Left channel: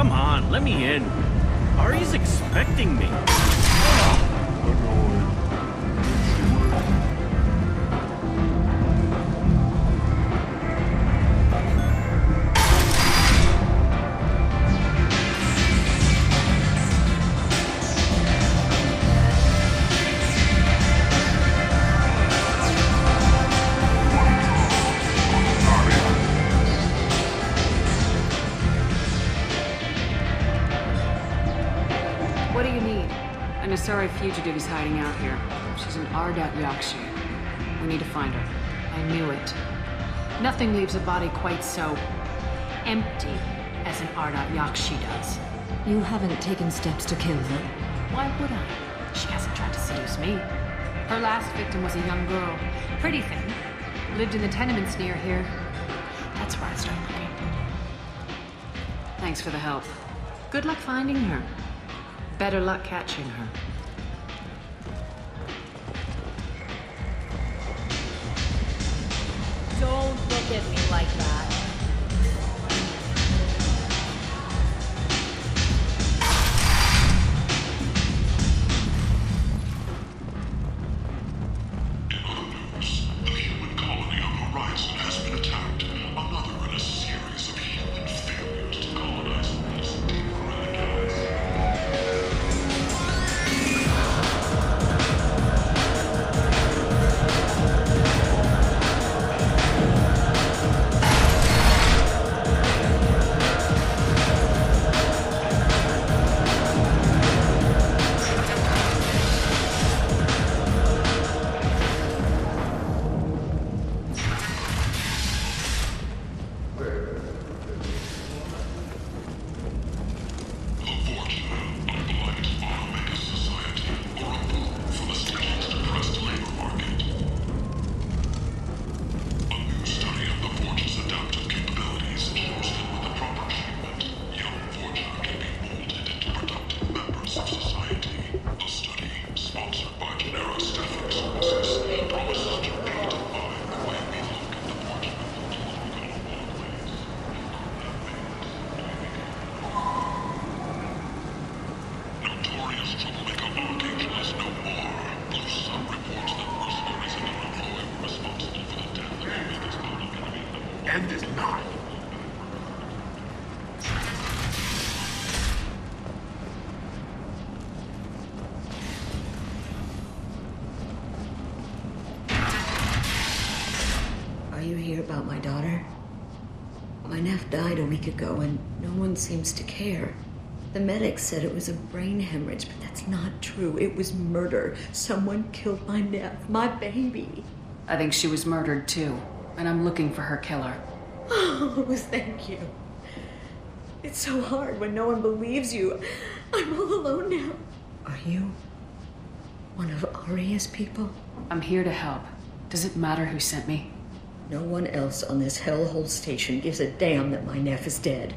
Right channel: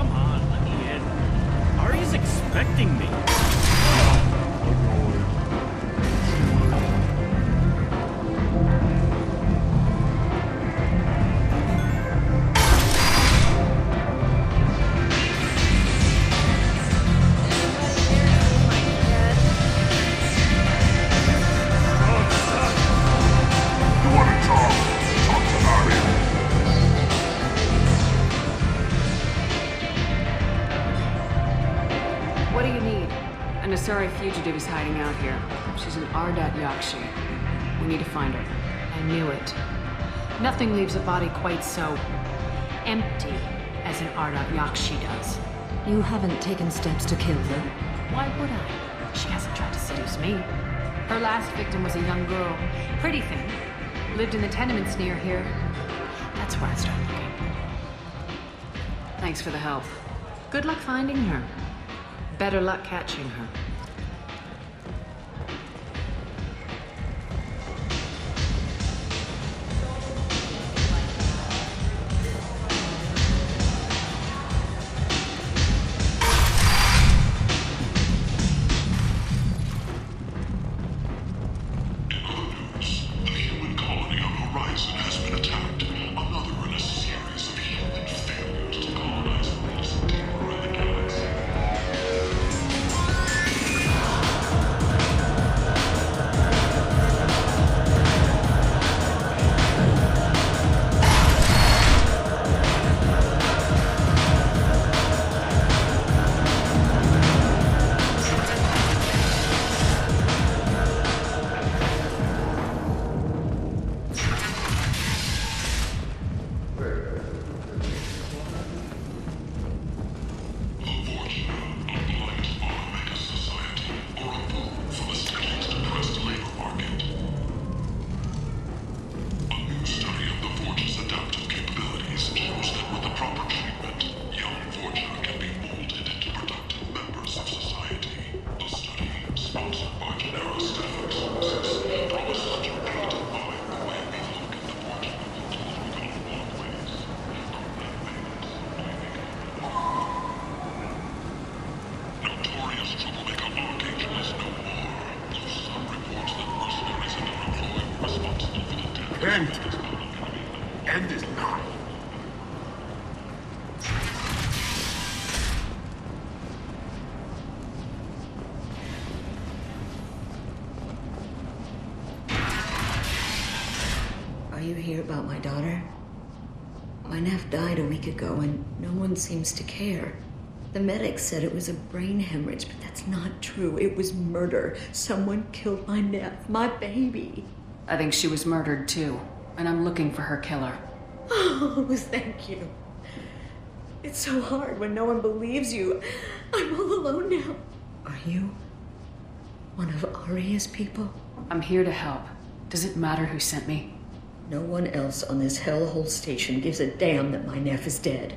Come on, let me in. What do you need? An Asari fugitive is hiding out here. She's an Ardat Yakshi. We need to find her. I knew it. Nothing leaves a body quite so empty as an Ardat Yakshi does. You haven't taken steps to kill her? Why would I? She hasn't tried to seduce me. Her last victim was a young girl. Pretty thing. Lived in the tenements near here. That's where I'd start looking. Thanks for the help. Good luck finding her. Better luck catching her. Don't look at me like that. In other news, the human colony on Horizon has been attacked. Another in a series of human failures to colonize space and terrorize. Are you here about my daughter? My nephew died a week ago and no one seems to care. The medics said it was a brain hemorrhage, but that's not true. It was murder. Someone killed my nephew, my baby. I think she was murdered too, and I'm looking for her killer. Oh, thank you. It's so hard when no one believes you. I'm all alone now. Are you one of Aria's people? I'm here to help. Does it matter who sent me? No one else on this hellhole station gives a damn that my nephew is dead.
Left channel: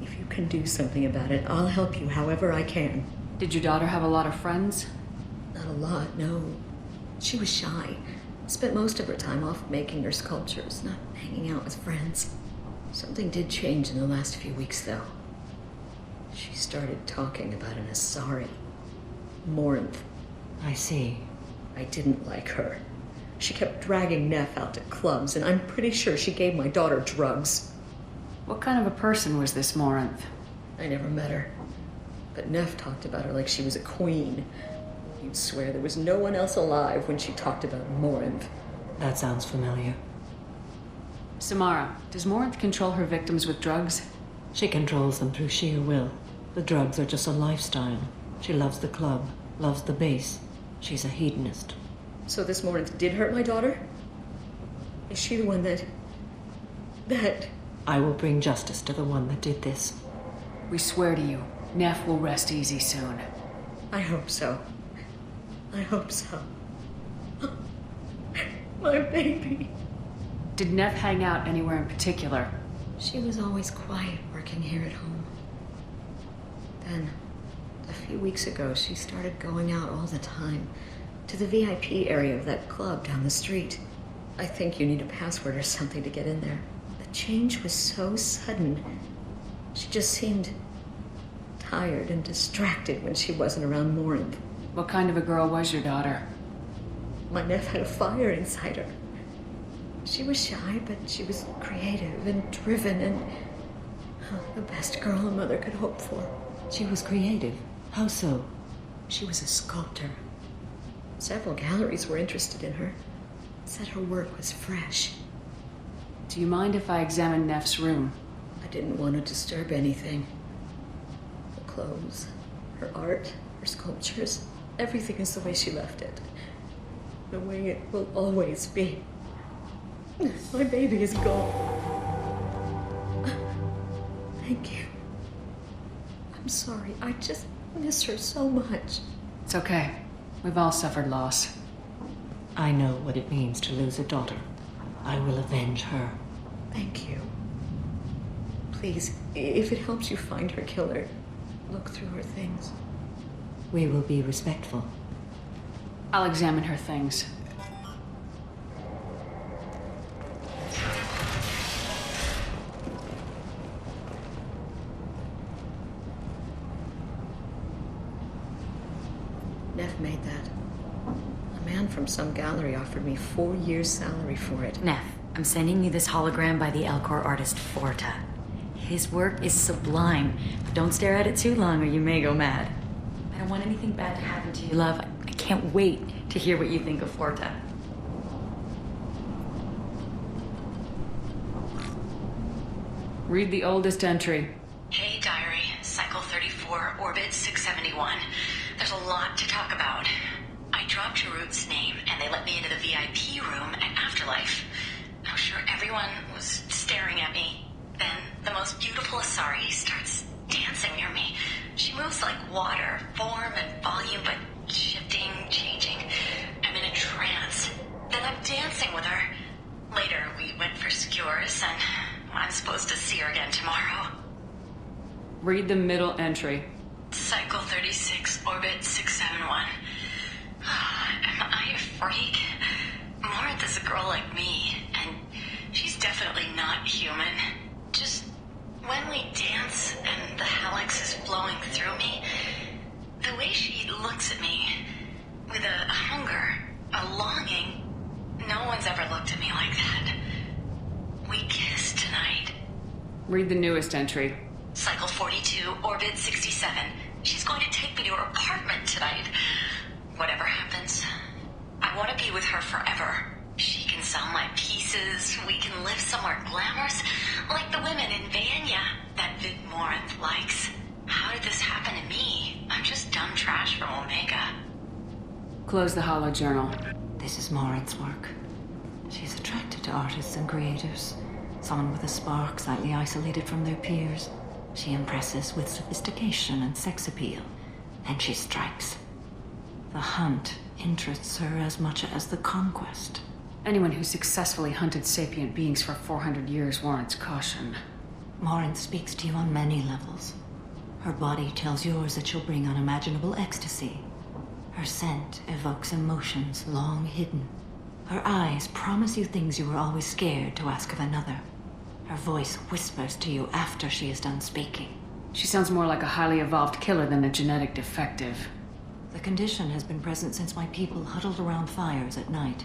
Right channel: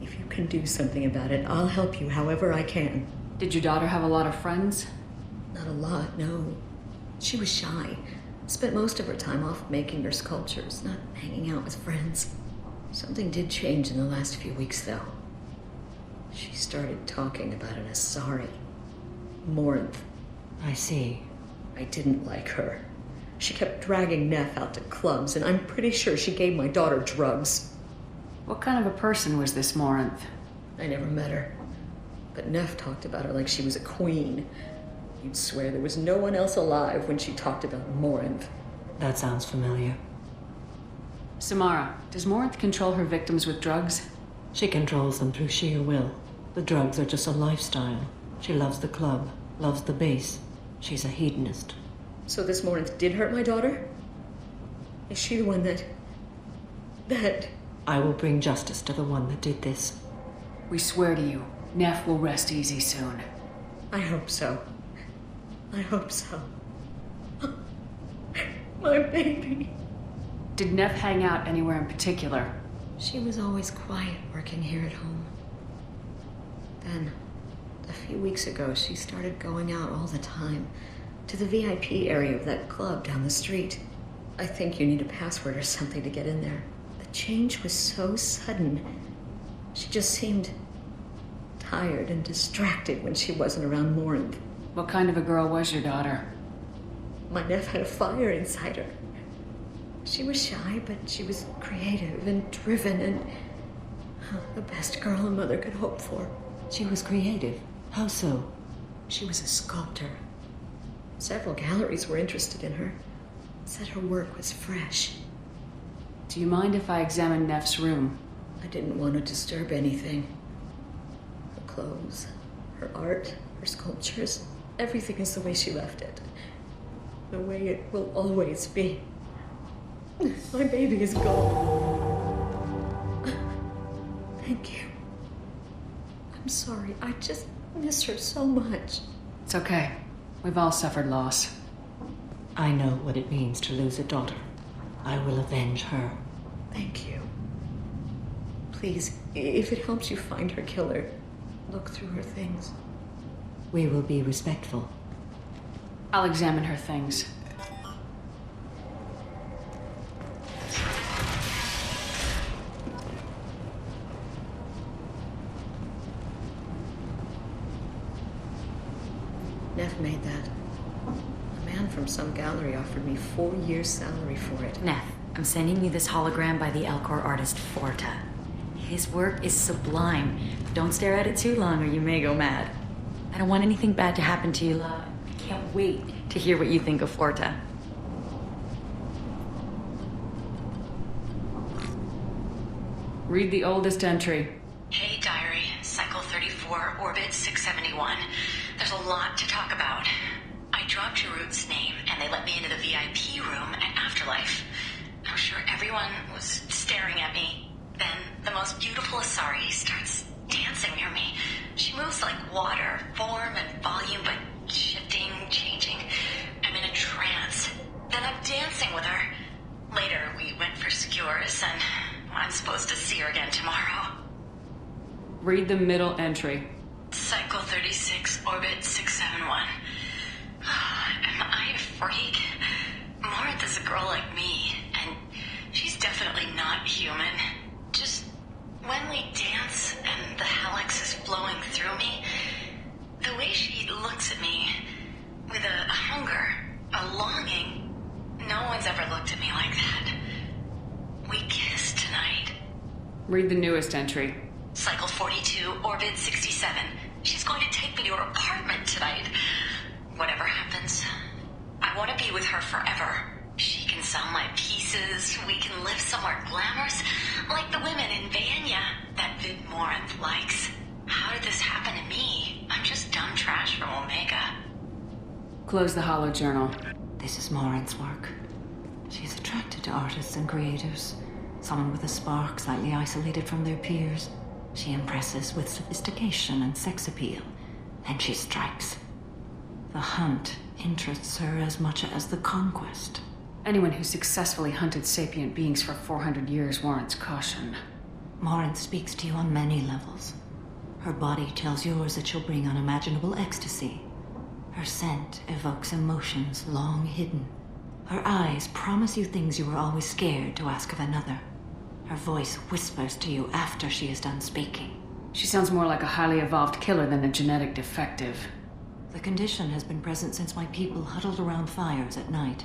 If you can do something about it, I'll help you however I can. Did your daughter have a lot of friends? Not a lot, no. She was shy. Spent most of her time off making her sculptures, not hanging out with friends. Something did change in the last few weeks, though. She started talking about an Asari. Morinth. I see. I didn't like her. She kept dragging Neff out to clubs, and I'm pretty sure she gave my daughter drugs. What kind of a person was this Morinth? I never met her. But Neff talked about her like she was a queen. You'd swear there was no one else alive when she talked about Morinth. That sounds familiar. Samara, does Morinth control her victims with drugs? She controls them through sheer will. The drugs are just a lifestyle. She loves the club, loves the base. She's a hedonist. So this Morinth did hurt my daughter? Is she the one that... I will bring justice to the one that did this. We swear to you, Neff will rest easy soon. I hope so. I hope so. My baby. Did Neff hang out anywhere in particular? She was always quiet working here at home. Then, a few weeks ago, she started going out all the time. To the VIP area of that club down the street. I think you need a password or something to get in there. The change was so sudden. She just seemed tired and distracted when she wasn't around Morinth. What kind of a girl was your daughter? My neph had a fire inside her. She was shy, but she was creative and driven and the best girl a mother could hope for. She was creative. How so? She was a sculptor. Several galleries were interested in her. Said her work was fresh. Do you mind if I examine Neff's room? I didn't want to disturb anything. Her clothes, her art, her sculptures, everything is the way she left it. The way it will always be. My baby is gone. Thank you. I'm sorry. I just miss her so much. It's okay. We've all suffered loss. I know what it means to lose a daughter. I will avenge her. Thank you. Please, if it helps you find her killer, look through her things. We will be respectful. I'll examine her things. Neff, I'm sending you this hologram by the Elcor artist Forta. His work is sublime. Don't stare at it too long or you may go mad. I don't want anything bad to happen to you, love. I can't wait to hear what you think of Forta. Read the oldest entry. Hey, diary. Cycle 34, orbit 671. There's a lot to talk about. I dropped Jarut's name, and they let me into the VIP room at Afterlife. I'm sure everyone was staring at me. Then, the most beautiful Asari starts dancing near me. She moves like water, form and volume, but shifting, changing. I'm in a trance. Then I'm dancing with her. Later, we went for skewers, and I'm supposed to see her again tomorrow. Read the middle entry. Cycle 36, orbit 671. Am I a freak? Morinth is a girl like me, and she's definitely not human. Just when we dance and the helix is flowing through me, the way she looks at me with a hunger, a longing, no one's ever looked at me like that. We kissed tonight. Read the newest entry. Cycle 42, orbit 67. She's going to take me to her apartment tonight. Whatever happens, I want to be with her forever. She can sell my pieces, we can live somewhere glamorous, like the women in Vanya that Vid Morinth likes. How did this happen to me? I'm just dumb trash from Omega. Close the holo journal. This is Morinth's work. She's attracted to artists and creatives. Someone with a spark, slightly isolated from their peers. She impresses with sophistication and sex appeal. Then she strikes. The hunt interests her as much as the conquest. Anyone who successfully hunted sapient beings for 400 years warrants caution. Morinth speaks to you on many levels. Her body tells yours that she'll bring unimaginable ecstasy. Her scent evokes emotions long hidden. Her eyes promise you things you were always scared to ask of another. Her voice whispers to you after she is done speaking. She sounds more like a highly evolved killer than a genetic defective. The condition has been present since my people huddled around fires at night.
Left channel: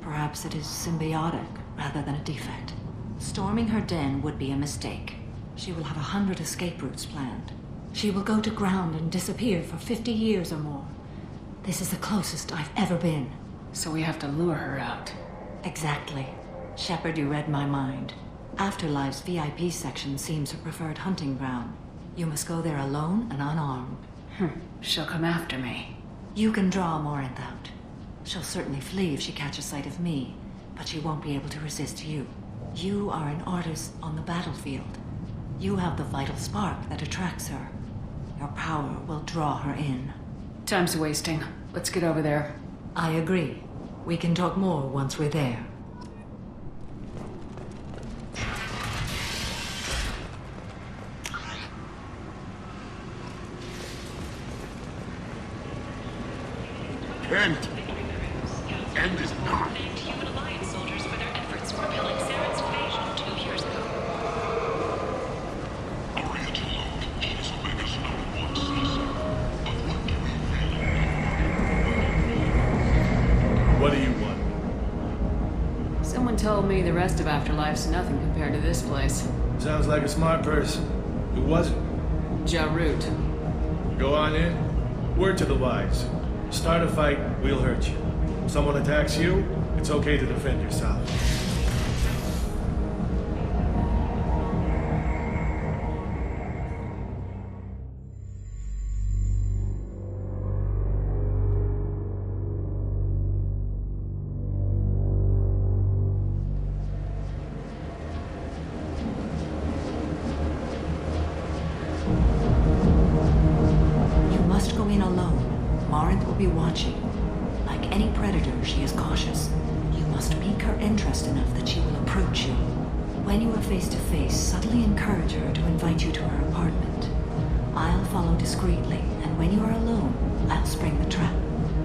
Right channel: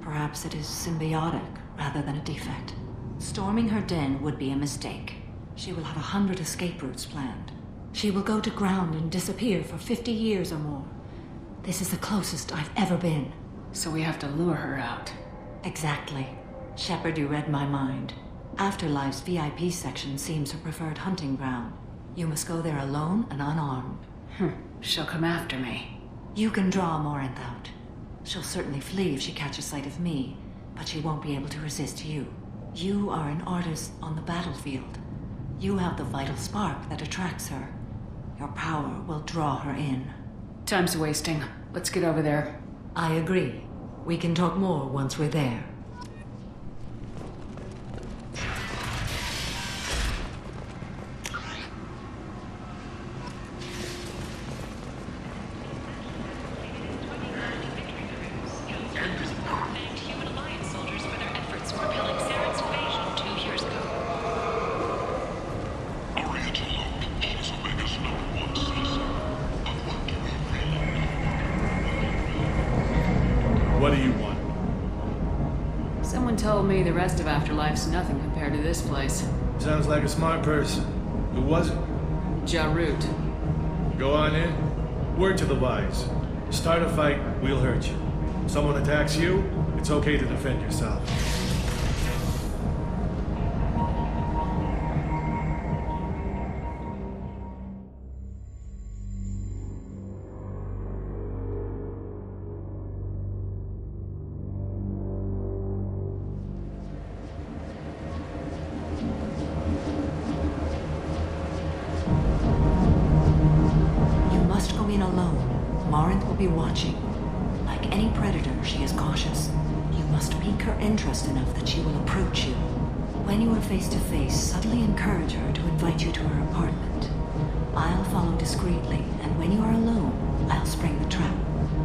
Perhaps it is symbiotic rather than a defect. Storming her den would be a mistake. She will have 100 escape routes planned. She will go to ground and disappear for 50 years or more. This is the closest I've ever been. So we have to lure her out. Exactly. Shepard, you read my mind. Afterlife's VIP section seems her preferred hunting ground. You must go there alone and unarmed. She'll come after me. You can draw Morinth out. She'll certainly flee if she catches sight of me, but she won't be able to resist you. You are an artist on the battlefield. You have the vital spark that attracts her. Your power will draw her in. Time's wasting. Let's get over there. I agree. We can talk more once we're there. Members aboard thanked Human Alliance soldiers for their efforts in repelling Saren's invasion 2 years ago. According to log, she was Omega's #1 What do you want? Someone told me the rest of Afterlife's nothing compared to this place. Sounds like a smart person. Who was it? Jarut. Go on in. Word to the wise. Start a fight, we'll hurt you. Someone attacks you, it's okay to defend yourself. You must go in alone. Morinth will be watching. Like any predator, she is cautious. You must pique her interest enough that she will approach you. When you are face to face, subtly encourage her to invite you to her apartment. I'll follow discreetly, and when you are alone, I'll spring the trap.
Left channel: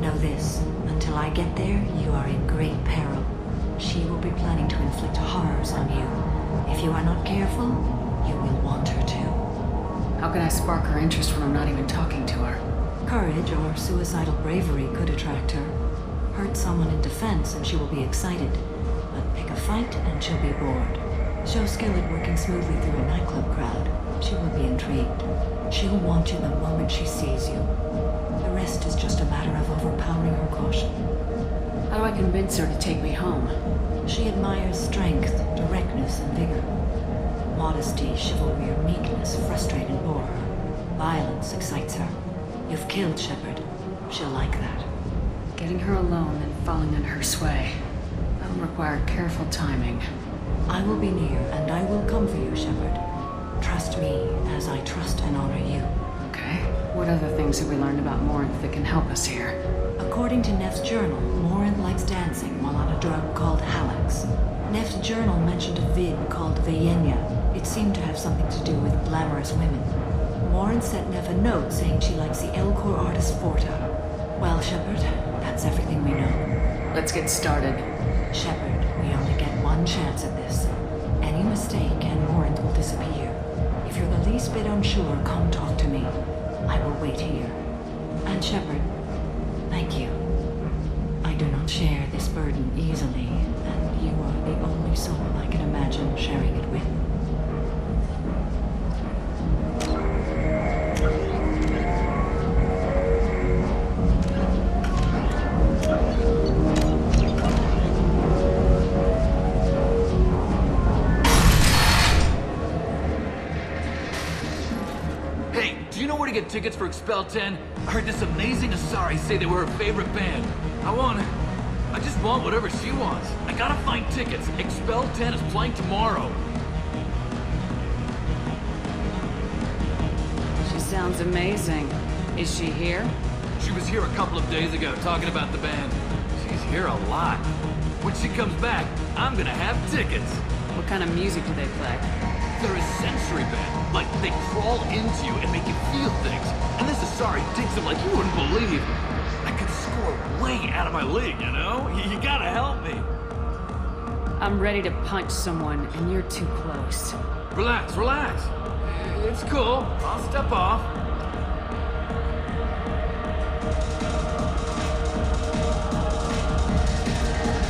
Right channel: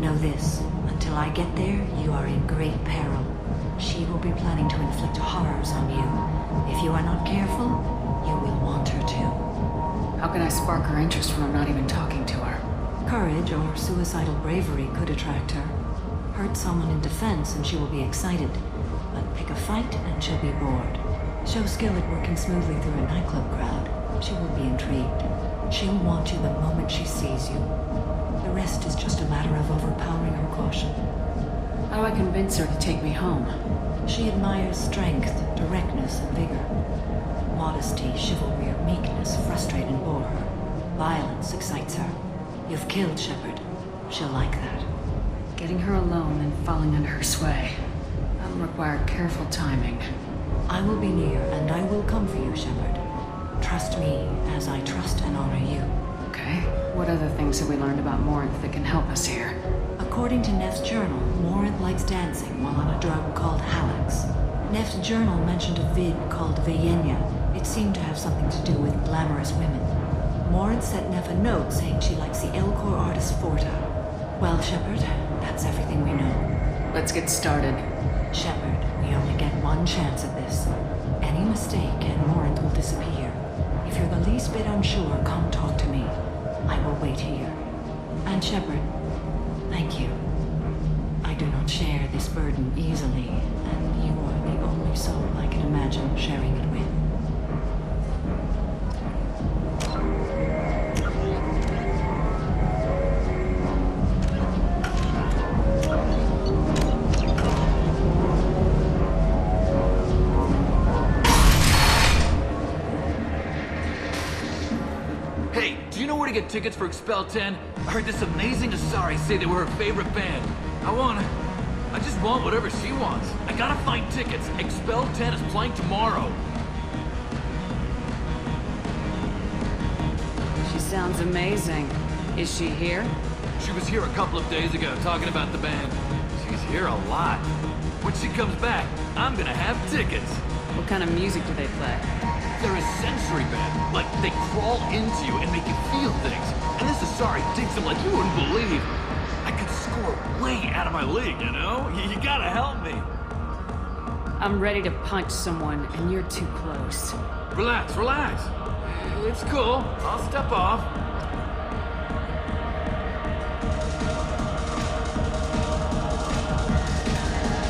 Know this, until I get there, you are in great peril. She will be planning to inflict horrors on you. If you are not careful, you will want her to. How can I spark her interest when I'm not even talking to her? Courage or suicidal bravery could attract her. Hurt someone in defense and she will be excited. But pick a fight and she'll be bored. Show skill at working smoothly through a nightclub crowd. She will be intrigued. She'll want you the moment she sees you. The rest is just a matter of overpowering her caution. How do I convince her to take me home? She admires strength, directness, and vigor. Modesty, chivalry, or meekness frustrate and bore her. Violence excites her. You've killed Shepard. She'll like that. Getting her alone, then falling under her sway. That'll require careful timing. I will be near, and I will come for you, Shepard. Trust me, as I trust and honor you. Okay. What other things have we learned about Morinth that can help us here? According to Neff's journal, Morinth likes dancing while on a drug called Halax. Neff's journal mentioned a vid called Vayenya. It seemed to have something to do with glamorous women. Morinth sent Neff a note saying she likes the Elcor artist Forta. Well, Shepard, that's everything we know. Let's get started. Shepard, we only get one chance at this. Any mistake and Morinth will disappear. If you're the least bit unsure, come talk to me. I will wait here. And Shepard, thank you. I do not share this burden easily, and you are the only soul I can imagine sharing it with. Hey, do you know where to get tickets for Expel 10? I heard this amazing Asari say they were her favorite band. I just want whatever she wants. I gotta find tickets. Expel 10 is playing tomorrow. She sounds amazing. Is she here? She was here a couple of days ago talking about the band. She's here a lot. When she comes back, I'm gonna have tickets. What kind of music do they play? They're a sensory band. Like, they crawl into you and make you feel things. And this Asari digs them like you wouldn't believe. I could score way out of my league, you know? You gotta help me. I'm ready to punch someone, and you're too close. Relax, relax. It's cool. I'll step off.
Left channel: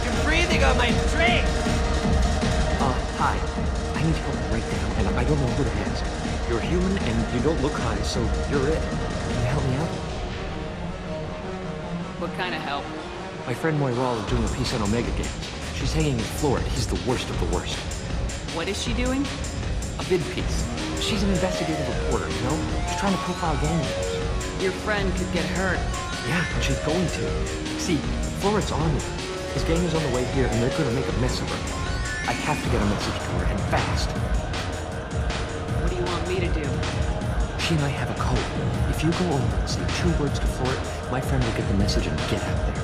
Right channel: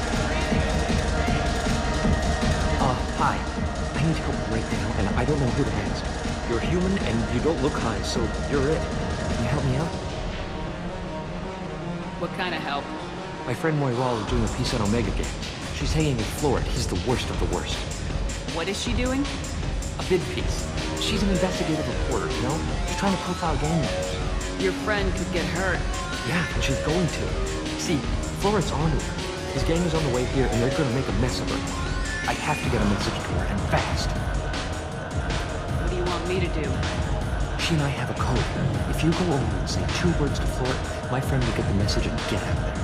You're breathing on my drink! Hi. I need help right now, and I don't know who to ask. You're human, and you don't look high, so you're it. Can you help me out? What kind of help? My friend Moiral is doing a piece on Omega Games. She's hanging with Florid. He's the worst of the worst. What is she doing? A vid piece. She's an investigative reporter, you know? She's trying to profile gang members. Your friend could get hurt. Yeah, and she's going to. See, Florid's onto her. His gang is on the way here, and they're gonna make a mess of her. I have to get a message to her, and fast. What do you want me to do? She and I have a code. If you go over and say 2 words to Florid, my friend will get the message and get out of there.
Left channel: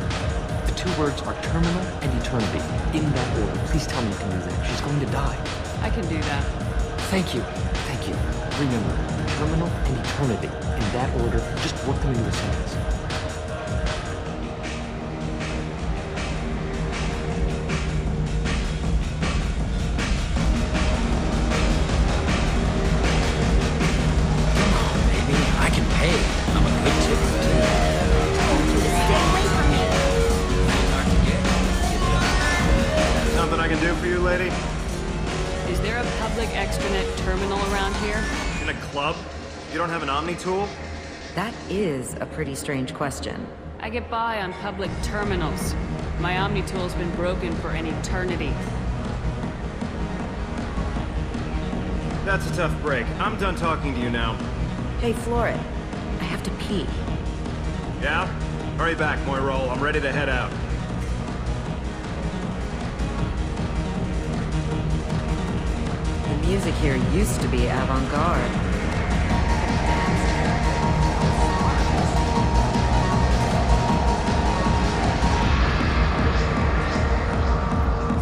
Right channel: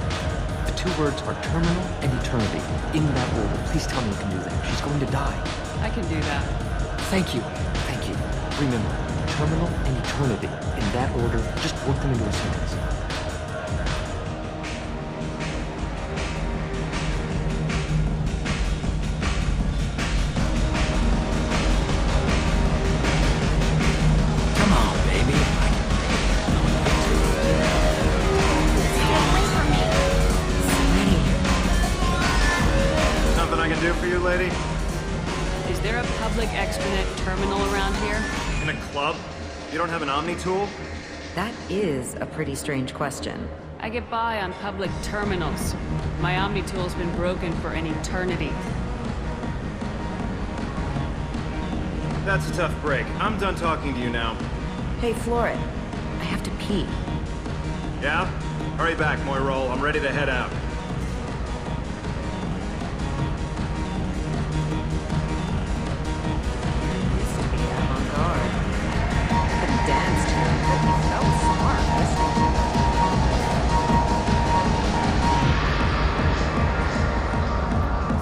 The 2 words are terminal and eternity. In that order. Please tell me you can do that. She's going to die. I can do that. Thank you. Thank you. Remember, terminal and eternity. In that order, just work them into a sentence. Come on, baby. I can pay. It's hot. Sweaty. can do for you, lady? Is there a public extranet terminal around here? In a club? You don't have an Omni tool? That is a pretty strange question. I get by on public terminals. My Omni tool's been broken for an eternity. That's a tough break. I'm done talking to you now. Hey, Floret. I have to pee. Yeah? Hurry back, Moirol. I'm ready to head out. The music here used to be avant-garde.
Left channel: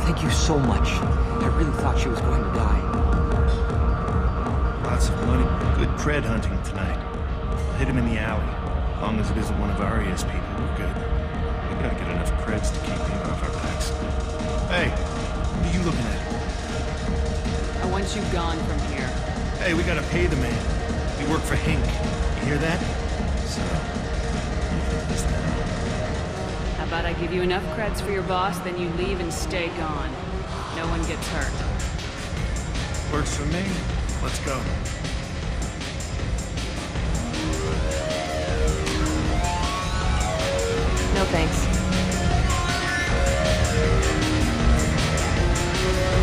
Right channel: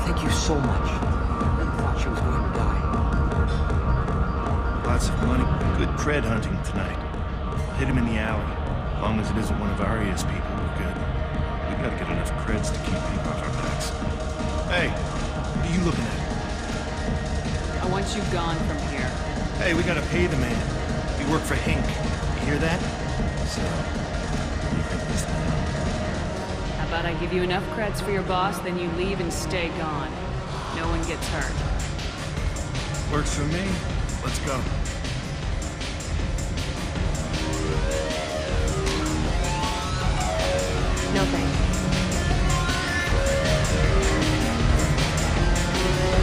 Thank you so much. I really thought she was good. Lots of money. Good cred hunting tonight. I'll hit him in the alley. As long as it isn't one of Aria's people, we're good. We gotta get enough creds to keep ink off our backs. Hey, what are you looking at? I want you gone from here. Hey, we gotta pay the man. We work for Hink. You hear that? So, what do you think of this now? How about I give you enough creds for your boss, then you leave and stay gone. No one gets hurt. Works for me. Let's go. No thanks.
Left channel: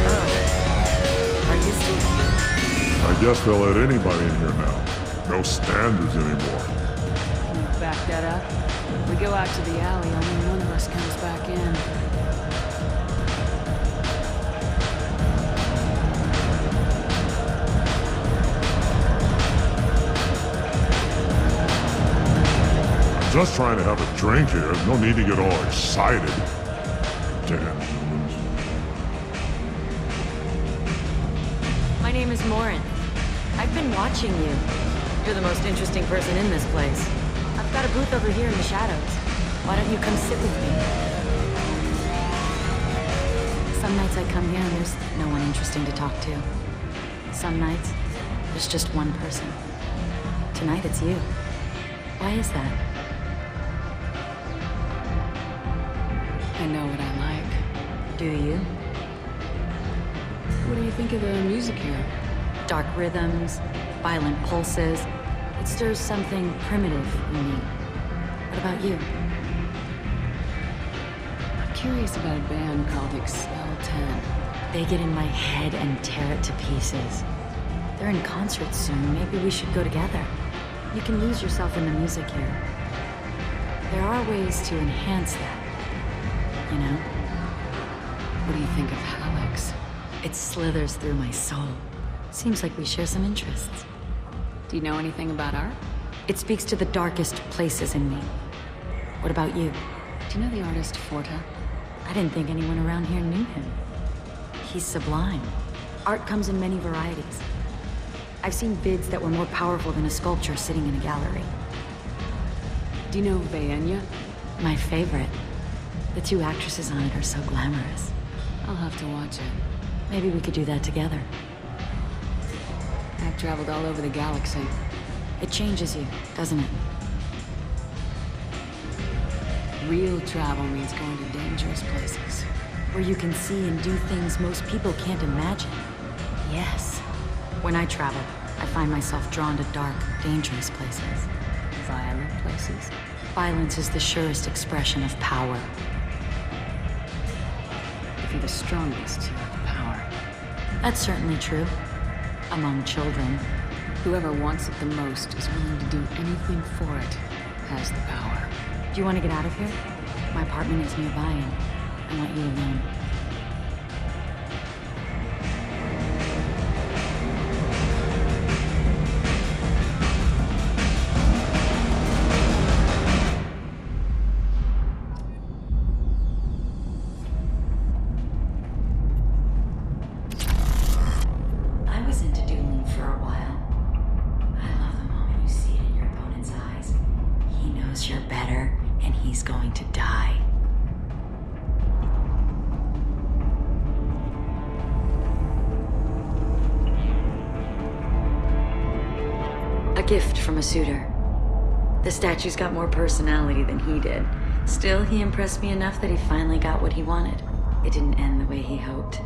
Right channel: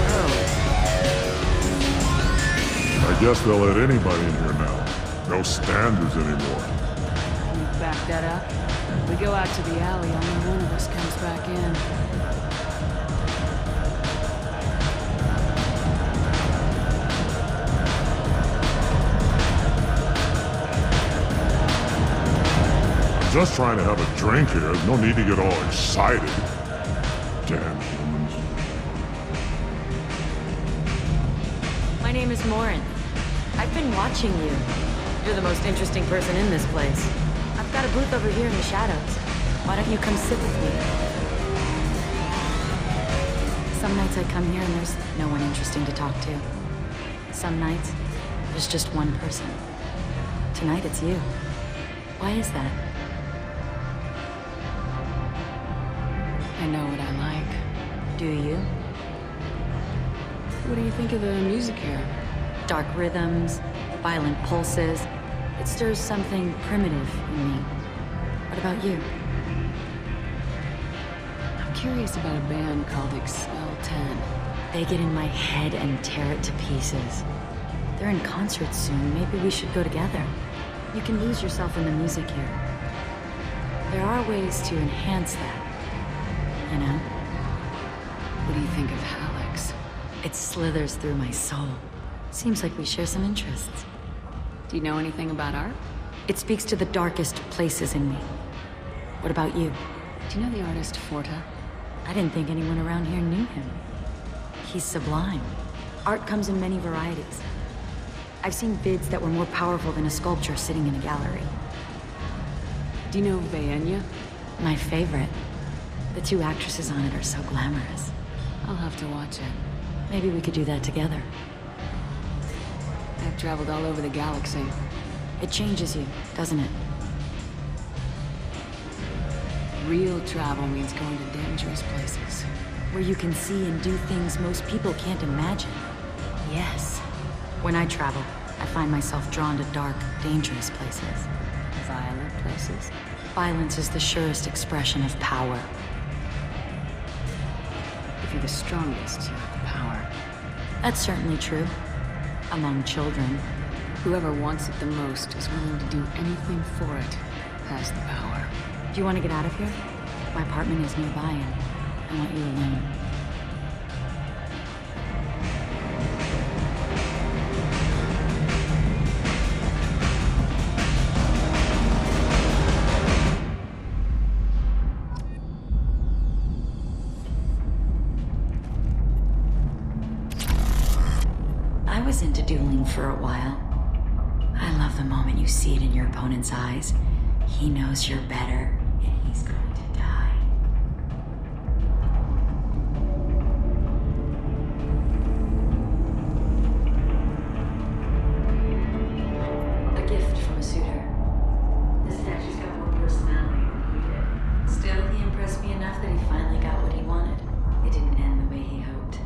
Oh. Are you still here? I guess they'll let anybody in here now. No standards anymore. Can you back that up? We go out to the alley, only one of us comes back in. I'm just trying to have a drink here. No need to get all excited. Damn humans. My name is Morin. I've been watching you. You're the most interesting person in this place. I've got a booth over here in the shadows. Why don't you come sit with me? Some nights I come here and there's no one interesting to talk to. Some nights, there's just one person. Tonight it's you. Why is that? I know what I like. Do you? What do you think of the music here? Dark rhythms, violent pulses. It stirs something primitive in me. What about you? I'm curious about a band called Expel 10. They get in my head and tear it to pieces. They're in concert soon. Maybe we should go together. You can lose yourself in the music here. There are ways to enhance that. You know? What do you think of Hallex? It slithers through my soul. Seems like we share some interests. Do you know anything about art? It speaks to the darkest places in me. What about you? Do you know the artist Forta? I didn't think anyone around here knew him. He's sublime. Art comes in many varieties. I've seen vids that were more powerful than a sculpture sitting in a gallery. Do you know Vaenya? My favorite. The two actresses on it are so glamorous. I'll have to watch it. Maybe we could do that together. I've traveled all over the galaxy. It changes you, doesn't it? Real travel means going to dangerous places. Where you can see and do things most people can't imagine. Yes. When I travel, I find myself drawn to dark, dangerous places. Violent places? Violence is the surest expression of power. If you're the strongest, you have the power. That's certainly true. Among children. Whoever wants it the most is willing to do anything for it, has the power. Do you want to get out of here? My apartment is nearby and I want you alone. Eyes. He knows you're there, and he's going to die. A gift from a suitor. The statue's got more personality than he did. Still, he impressed me enough that he finally got what he wanted. It didn't end the way he hoped.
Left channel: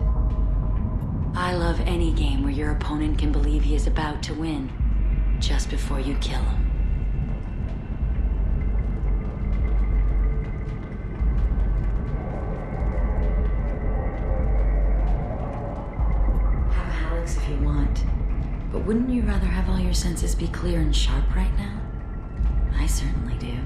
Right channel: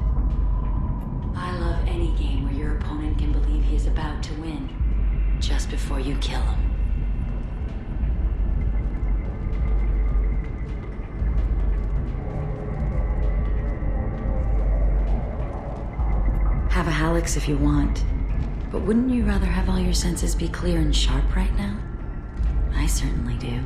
love any game where your opponent can believe he is about to win. Just before you kill him. Have a Hallex if you want. But wouldn't you rather have all your senses be clear and sharp right now? I certainly do.